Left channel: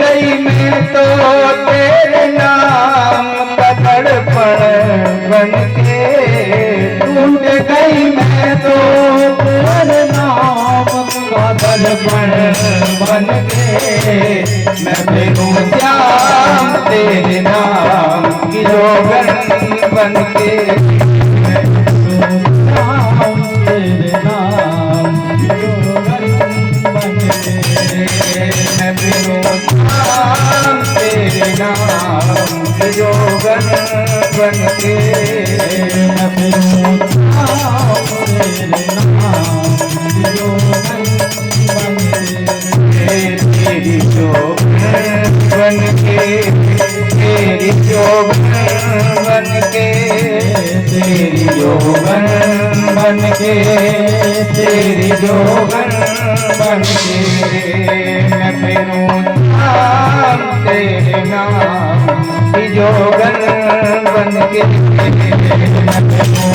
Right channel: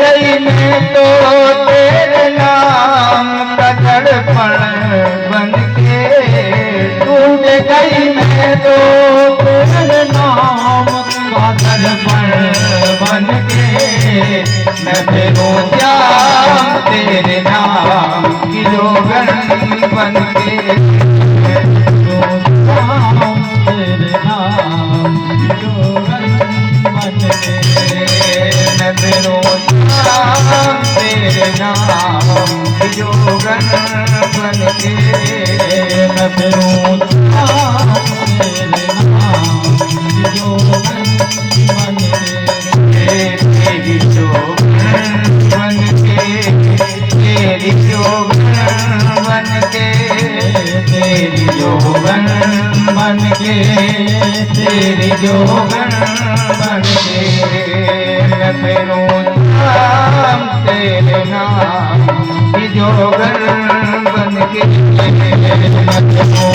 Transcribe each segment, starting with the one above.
गई मैं तो तेरे नाम का दर्पण बन के, टूट गई मैं तो तेरे नाम का दर्पण बन के, मैं फिरूं क्या तेरे नाम की जोगन बन के, मैं फिरूं तेरे नाम की जोगन बन के, मैं फिरूं तेरे नाम की जोगन बन के, मैं फिरूं तेरे नाम की जोगन बन के, तेरी जोगन बन के, तेरी जोगन बन के, तेरी जोगन बन के, तेरी जोगन बन के, मैं फिरूं तेरे नाम की जोगन बन के, मैं फिरूं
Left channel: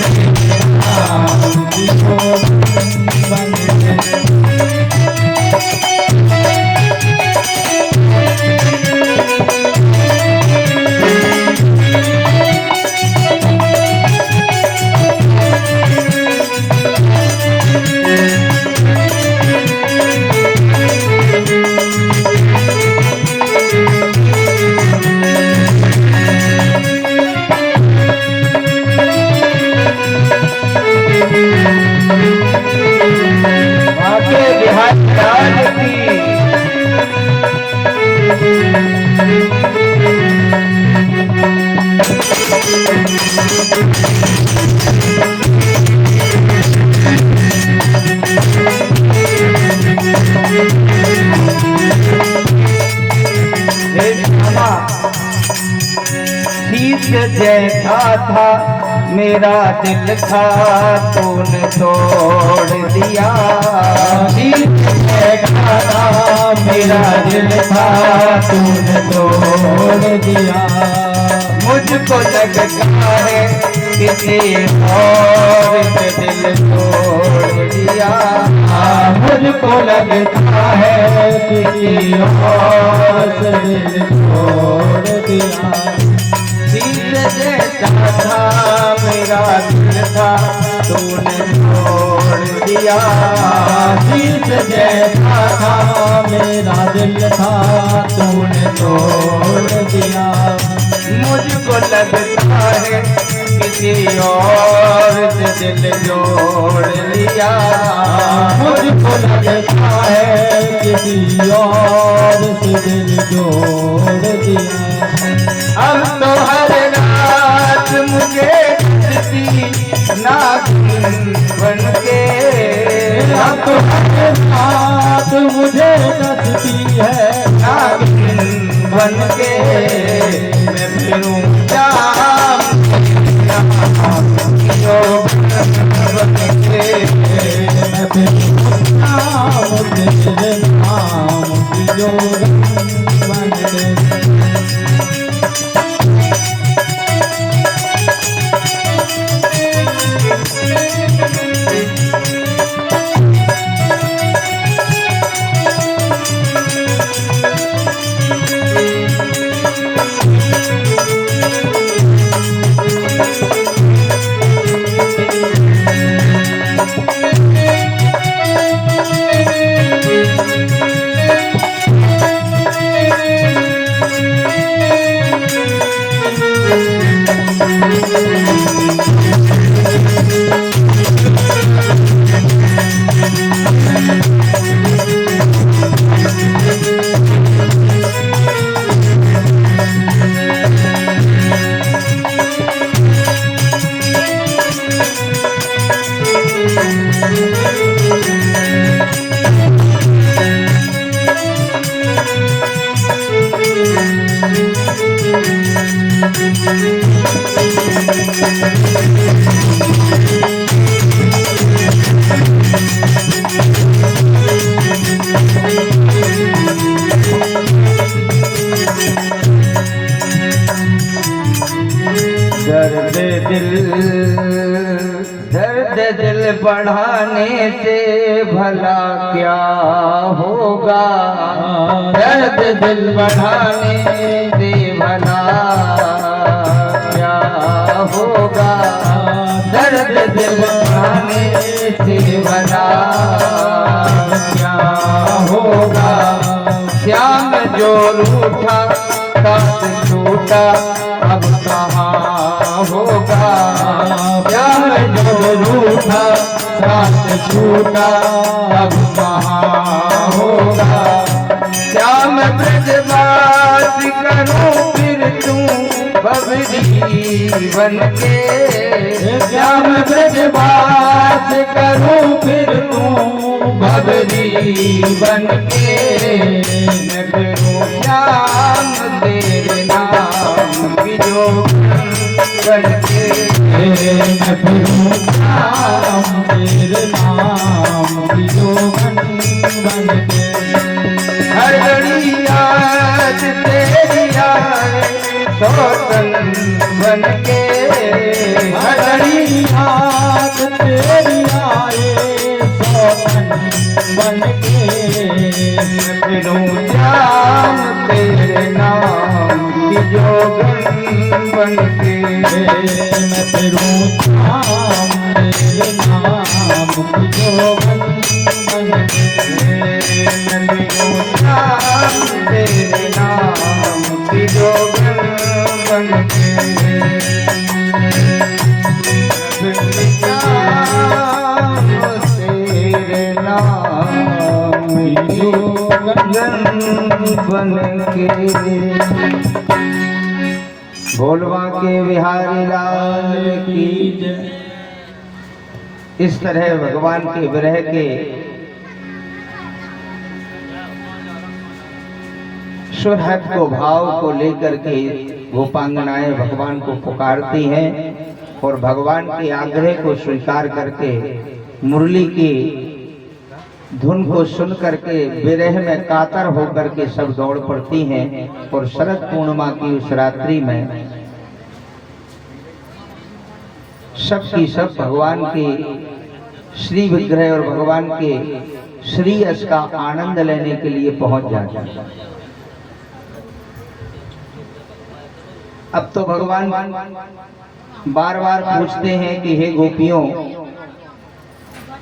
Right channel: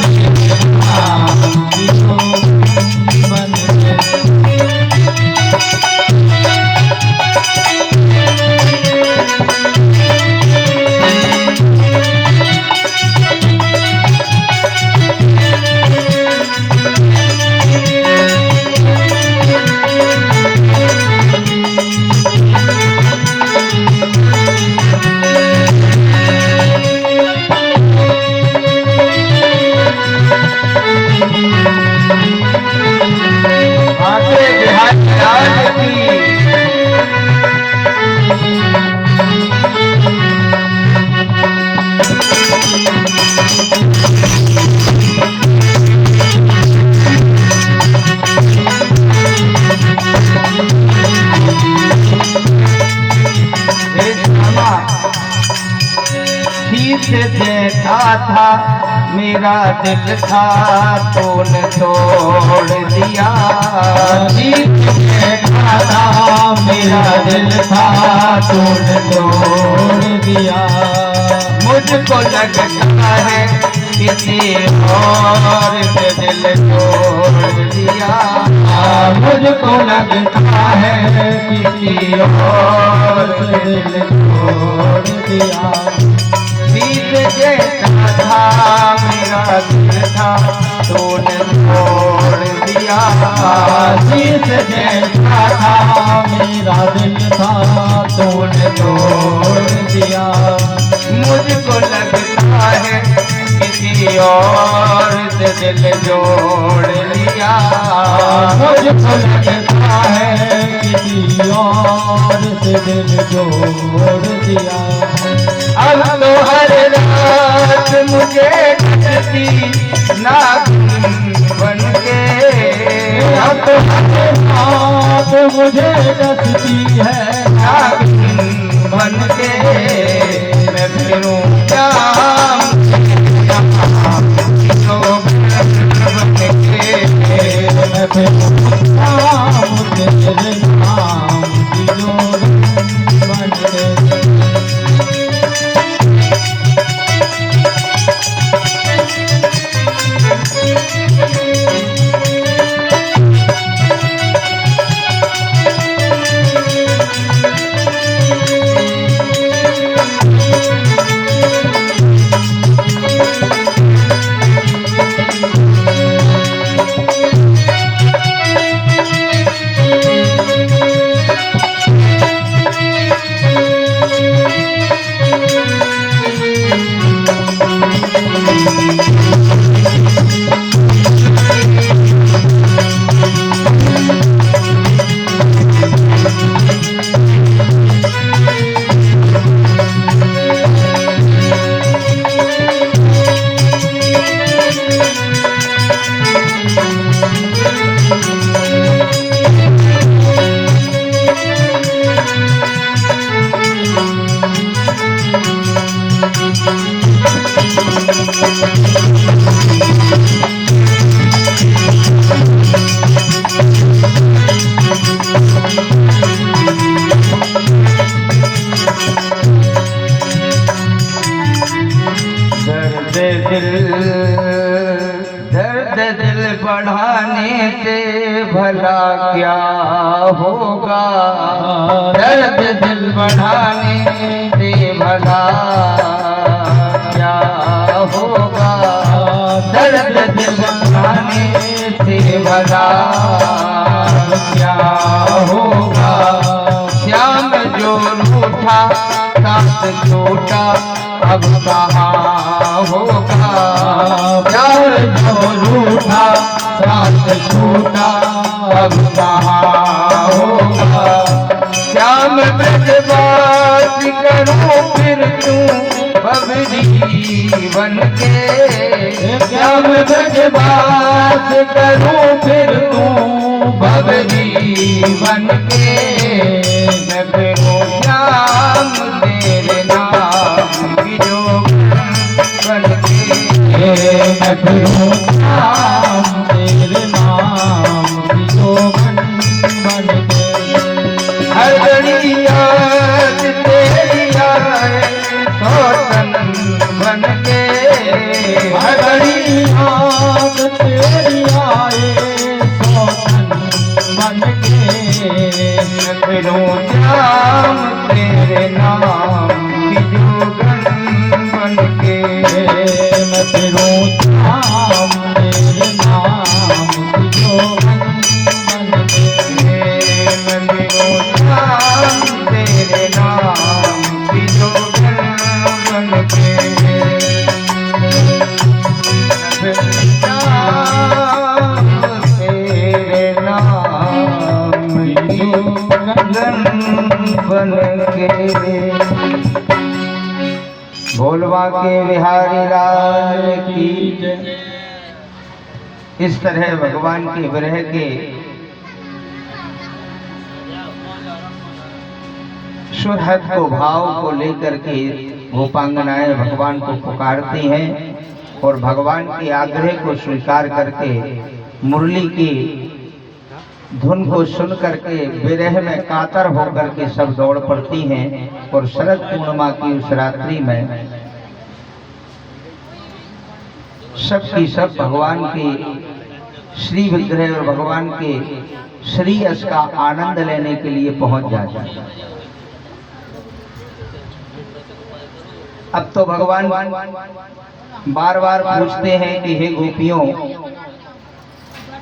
तेरे नाम की जोगन बन के। जैसा था मेरा दिल था तूने तोड़ दिया, जैसा था मेरा दिल था तूने तोड़ दिया, मुझको लगता है किसी और से दिल तोड़ दिया, मुझको लगता है किसी और से दिल तोड़ दिया, जैसा था मेरा दिल था तूने तोड़ दिया, जैसा था मेरा दिल था तूने तोड़ दिया, मुझको लगता है किसी और से दिल जोड़ लिया, मुझको लगता है किसी और से दिल जोड़ दिया, अब तो हर रात मुझे डसती नागिन बन के, अब तो हर रात मुझे डसती है नागिन बन के, मैं फिरूं क्या बन के, मैं फिरूं तेरे नाम की जोगन बन के। दर्द दिल बढ़ाने से भला क्या होगा, दर्द दिल बढ़ाने से भला क्या होगा, दर्द दिल बढ़ाने से भला क्या होगा। श्याम जो रूठा साथ छूटा अब कहाँ होगा, प्यार जो रूठा साथ छूटा अब कहाँ होगा। श्याम ब्रजवास करूं फिर तू बबरी बनके, श्याम ब्रजवास करूं फिर तू बबरी बनके, मैं फिरूं श्याम तेरे नाम की जोगन बनके, मैं फिरूं श्याम तेरे नाम की जोगन बनके। हर घड़ी याद तेरी आए सौतन बनके, हर घड़ी याद तेरी आए सौतन बनके, मैं फिरूं श्याम तेरे नाम की जोगन बनके, मैं फिरूं श्याम तेरे नाम की जोगन बनके, मैं फिरूं श्याम तेरे नाम की जोगन बनके, फिरूं श्याम तेरे नाम की जोगन बनके। भोलवा के बिहारी लाल की जय। इस तरह भगवान के विरह के सुरहद को भाव को लेकर के गोपांगनाएं भगवान को पुकारती हैं और भगवान के आग्रह को स्वीकार करके मुरली की धुन को सुन करके विरह में कातर होकर के सब दौड़ पड़ती हैं और शरद पूर्णिमा की उस रात्रि में सब की सब भगवान के श्री विग्रह और भगवान के श्री यश का आनंद लेने के लिए पहुंच जाते हैं। अब तो भगवान बार बार पूछते हैं कि हे गोपियों,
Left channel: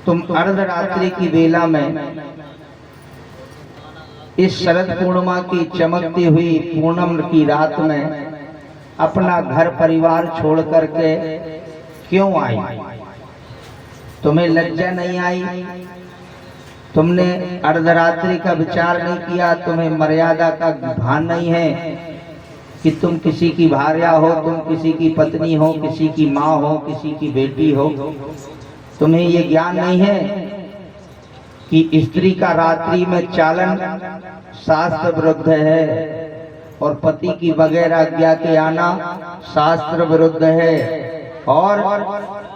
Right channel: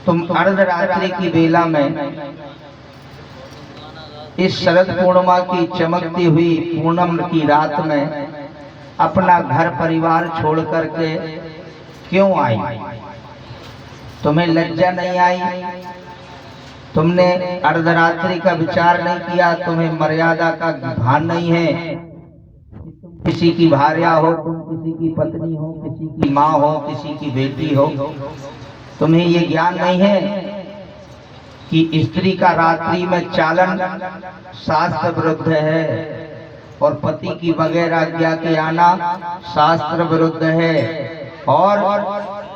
तुम अर्धरात्रि की बेला में इस शरद पूर्णिमा की चमकती हुई पूनम की रात में अपना घर परिवार छोड़ करके क्यों आई? तुम्हें लज्जा नहीं आई? तुमने अर्धरात्रि का विचार नहीं किया? तुम्हें मर्यादा का भान नहीं है कि तुम किसी की भार्या हो, तुम किसी की पत्नी हो, किसी की माँ हो, किसी की बेटी हो? तुम्हें ये ज्ञान नहीं है कि स्त्री का रात्रि में चालन शास्त्र विरुद्ध है और पति की बगैर आज्ञा के आना शास्त्र विरुद्ध है, और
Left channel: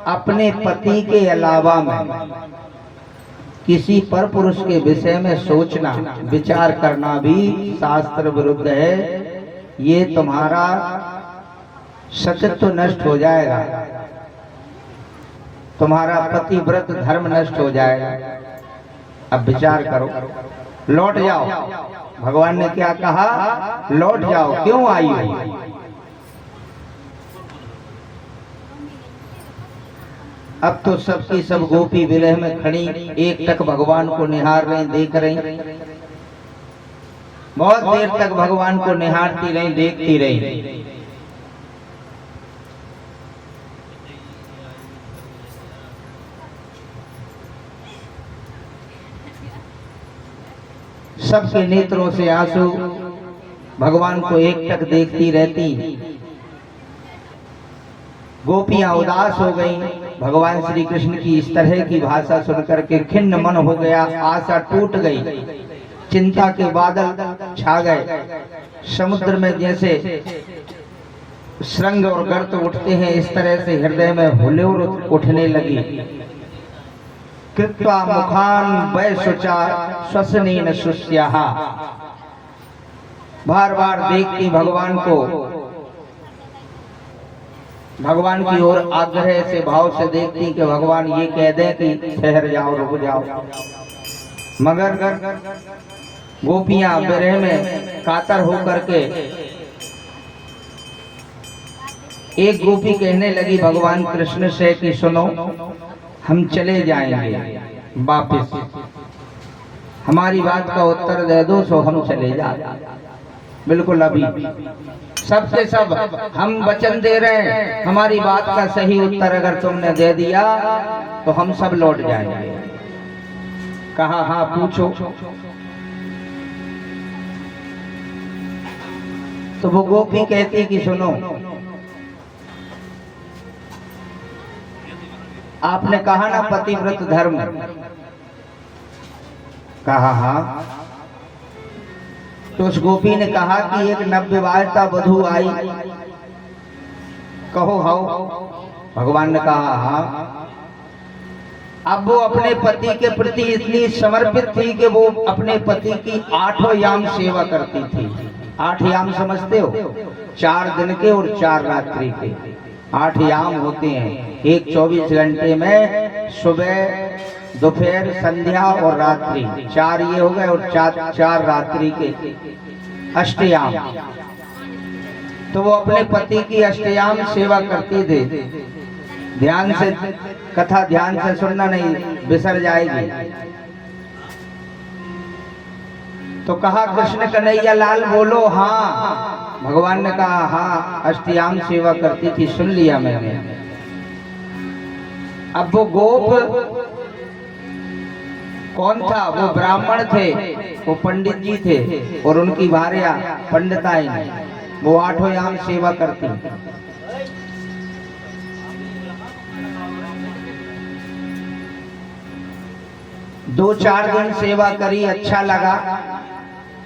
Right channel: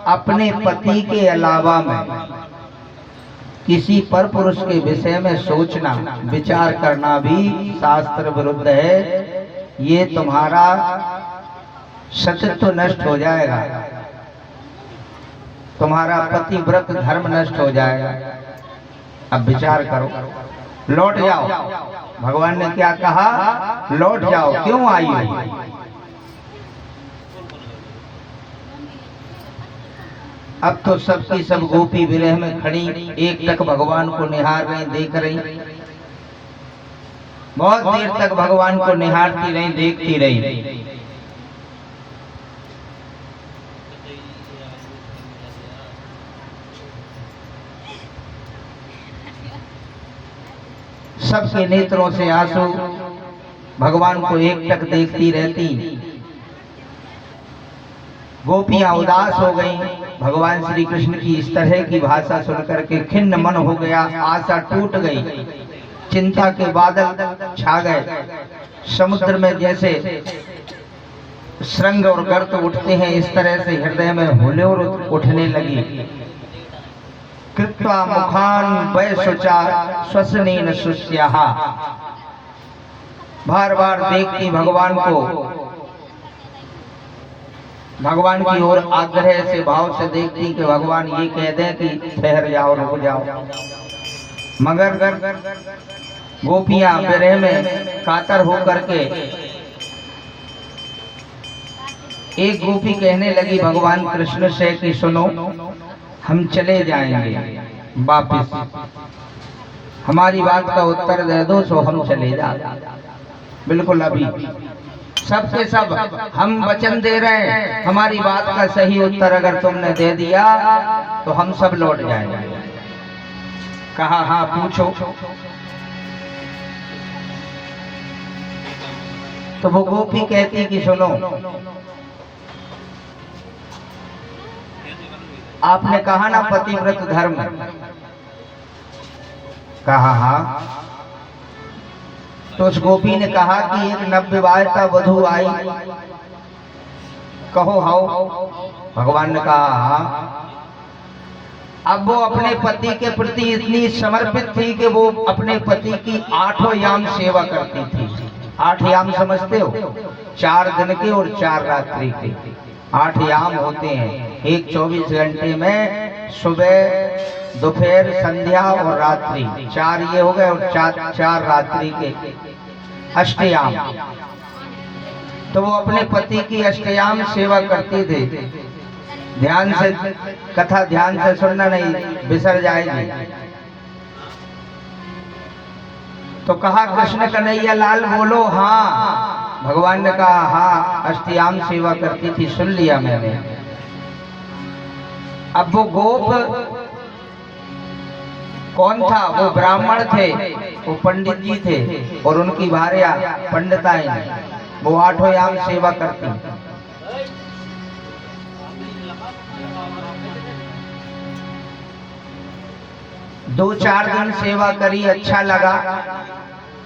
अपने पति के अलावा में किसी पर पुरुष के विषय में सोचना विचार करना भी शास्त्र विरुद्ध है। ये तुम्हारा सत्यत्व नष्ट हो जाएगा, तुम्हारा पतिव्रत धर्म नष्ट हो जाएगा। अब विचार करो, लौट जाओ। भगवान ने क्या कहा? लौट जाओ। क्यों आई हो? अब तो सबकी सब गोपी विरह में खड़ी एक टक भगवान को निहार रही, देख रही, बहुत देर तक भगवान को निहारती रही, देखती रही। सबके नेत्रों से आंसू, भगवान को एक टक देखती रहती। गोपियां उदास हो गईं। भगवान श्री कृष्ण की इस तरह की भाषा सुनकर के खिन्न मन हो गया, आशा टूट गई, चिंता के बादल छा गए। समुद्र में जैसे श्रृंग और गर्त उठते हैं, इस तरह से हृदय में हुल्लोड़ उठने लगी। कृत्वा मुखान वैशुचा श्वसनेन शुष्याः। बार बार देखती भगवान को, भगवान की ओर आग्रह से भाव से देखती कि भगवान ये कह दे कि ठहर जाओ, रुक जाओ, मगर गोपियां विरह में कातर होकर के एक गोपी कहने लगी भगवान कृष्ण से कि सुनो, हम चले जाएंगे वापस, हमारी बात का उत्तर दे दो सो हम चले जाए। बिल्कुल अभी सबसे सब हम वचन दे रहे हैं, हमारी बात का सही उत्तर अगर तुमने दे दिया तो हम सब लौट जाएंगे। कहा हाँ पूछो। तो वो गोपी कहती कि सुनो, आपने कहा ना पतिव्रत धर्म, कहा हाँ। तो उस गोपी ने कहा कि एक नवविवाहिता वधू आई, कहो हाउ। भगवान ने कहा हाँ। अब वो अपने पति के प्रति इतनी समर्पित थी कि वो अपने पति की 8 याम सेवा करती थी। 8 याम समझते हो? 4 दिन के और 4 रात्रि के 8 याम होते हैं। एक 24 घंटे में सुबह, दोपहर, संध्या और रात्रि, 4 ये हो गए और 4 रात्रि के अष्टयाम। तो वो अपने पति की अष्टयाम सेवा करती थी। ध्यान से कथा ध्यान से सुनना, नहीं बिसर जाएगी। तो कहा कृष्ण कन्हैया लाल बोलो हाँ। भगवान ने कहा हाँ, अष्टयाम सेवा करती थी, सुन लिया मैंने। अब वो गोप कौन था? वो ब्राह्मण थे, वो पंडित जी थे और उनकी भार्या पंडिताई, वो 8 याम सेवा करती। दो 4 दिन सेवा करी, अच्छा लगा।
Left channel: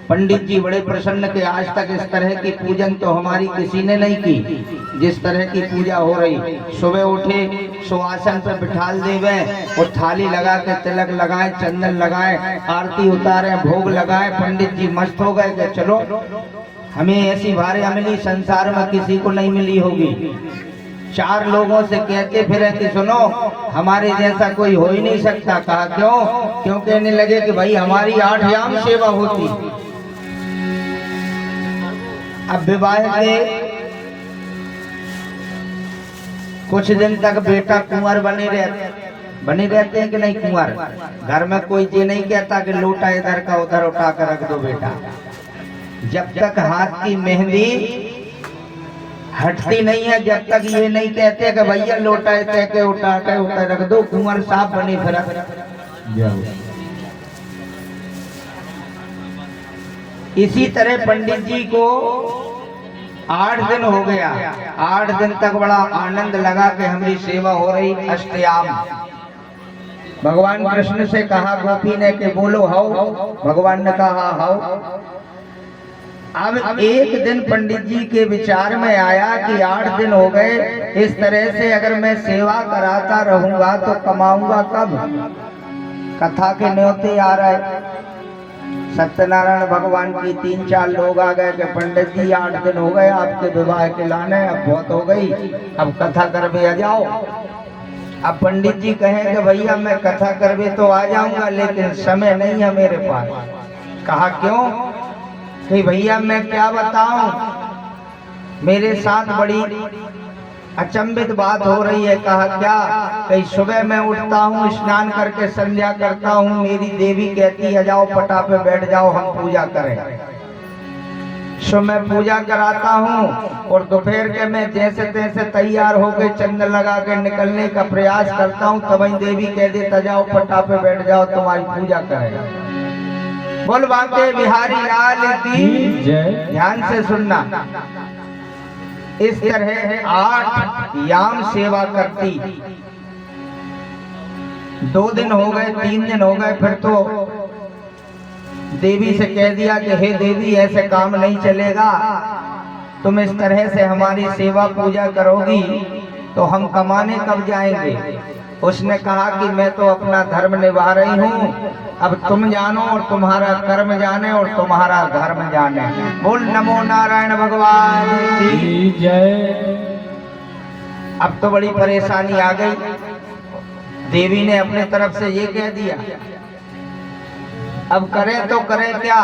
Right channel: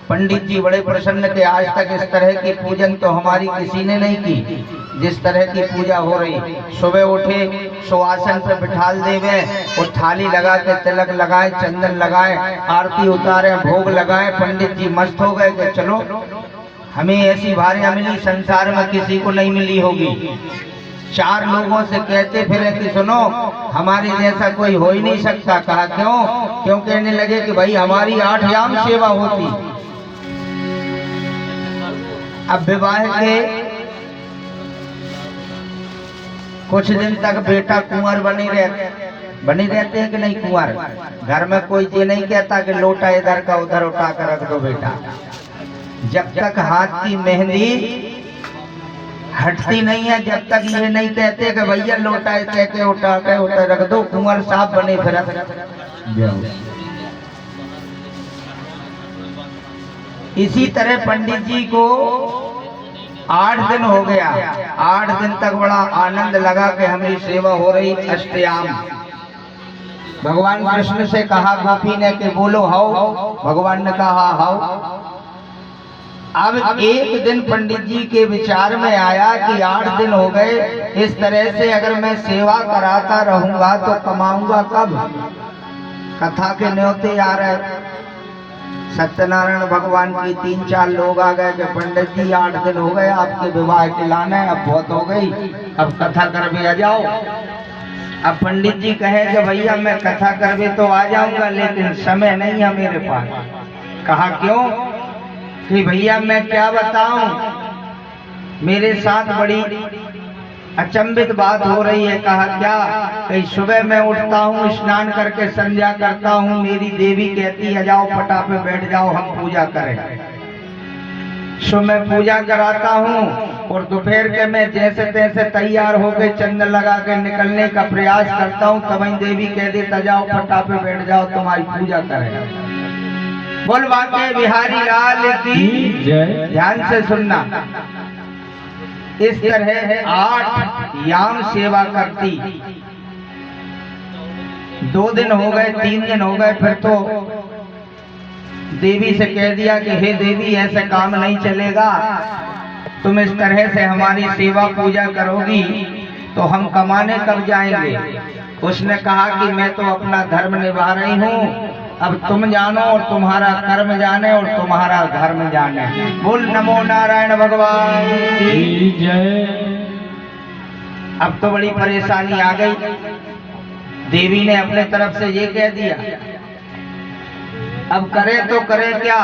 पंडित जी बड़े प्रसन्न थे, आज तक इस तरह की पूजन तो हमारी किसी ने नहीं की, जिस तरह की पूजा हो रही। सुबह उठे, सुआसन पे बिठाल देवे और थाली लगा के तिलक लगाए, चंदन लगाए, आरती उतारे, भोग लगाए। पंडित जी मस्त हो गए कि चलो हमें ऐसी भार्या मिली, संसार में किसी को नहीं मिली होगी। 4 लोगों से कहते फिरे कि सुनो हमारे जैसा कोई हो ही नहीं सकता। कहा क्यों? क्यों कहने लगे कि भाई हमारी 8 याम सेवा होती। अब विवाह के कुछ दिन तक बेटा कुंवर बने रहते हैं कि नहीं? कुंवर घर में कोई ये नहीं कहता कि लोटा इधर का उधर उठा कर रख दो बेटा। जब तक हाथ की मेहंदी हटती नहीं है, जब तक ये नहीं कहते कि भैया लोटा के उठा के उधर रख दो, कुंवर साहब बने फिर। इसी तरह पंडित जी को 8 दिन हो गया। 8 दिन तक बड़ा आनंद लगा कि हमारी सेवा हो रही अष्टयाम। भगवान कृष्ण से कहा गोपी ने कि बोलो हाउ। भगवान ने कहा हाउ। अब एक दिन पंडित जी के विचार में आया कि 8 दिन हो गए, इस तरह से अगर मैं सेवा कराता रहूंगा तो कमाऊंगा कब? कथा के न्योते आ रहे। सत्यनारायण भगवान की 3-4 लोग आ गए कि पंडित जी 8 दिन हो गए आपके विवाह के लाने, अब बहुत हो गई, अब कथा करवे आ जाओ। अब पंडित जी कहे कि भैया मैं कथा करवे तो आ जाऊंगा, लेकिन समय नहीं है मेरे पास। कहा क्यों? कि भैया मैं क्या बताऊं, मेरे साथ बड़ी अचंभित बात हो रही है। कहा क्या? कहीं सुबह मैं उठता हूँ, स्नान करके संध्या करता हूँ, मेरी देवी कहती है जाओ पटा पे बैठ जाओ हम पूजा करें। सो मैं पूजा कराता हूँ और दोपहर के मैं जैसे तैसे तैयार होकर चंदन लगा के निकलने का प्रयास करता हूँ, तब देवी कह देता जाओ पटा पे बैठ जाओ तुम्हारी पूजा करें। बोल बाके बिहारी लाल की जय। ध्यान से सुनना। इस तरह 8 याम सेवा करती। 2 दिन हो गए, 3 दिन हो गए, फिर तो देवी से कह दिया कि हे देवी ऐसे काम नहीं चलेगा, तुम इस तरह से हमारी सेवा पूजा करोगी तो हम कमाने कब जाएंगे? उसने कहा कि मैं तो अपना धर्म निभा रही हूँ, अब तुम जानो और तुम्हारा कर्म जाने और तुम्हारा धर्म जाने। बोल नमो नारायण भगवान की जय। अब तो बड़ी परेशानी आ गई। देवी ने अपने तरफ से ये कह दिया अब करें तो करें क्या।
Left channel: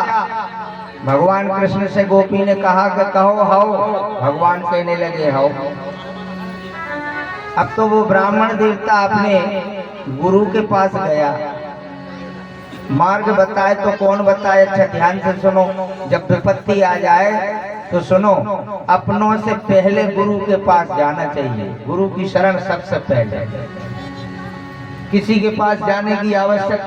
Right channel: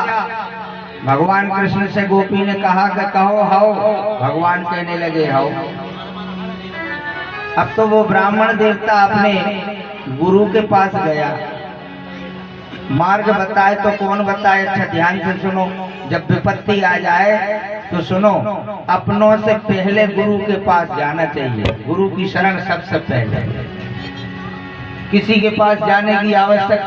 भगवान कृष्ण से गोपी ने कहा कि कहो हाओ, भगवान कहने लगे हाओ। अब तो वो ब्राह्मण देवता अपने गुरु के पास गया, मार्ग बताए तो कौन बताए। अच्छा ध्यान से सुनो, जब विपत्ति आ जाए तो सुनो, अपनों से पहले गुरु के पास जाना चाहिए। गुरु की शरण सबसे पहले, किसी के पास जाने की आवश्यकता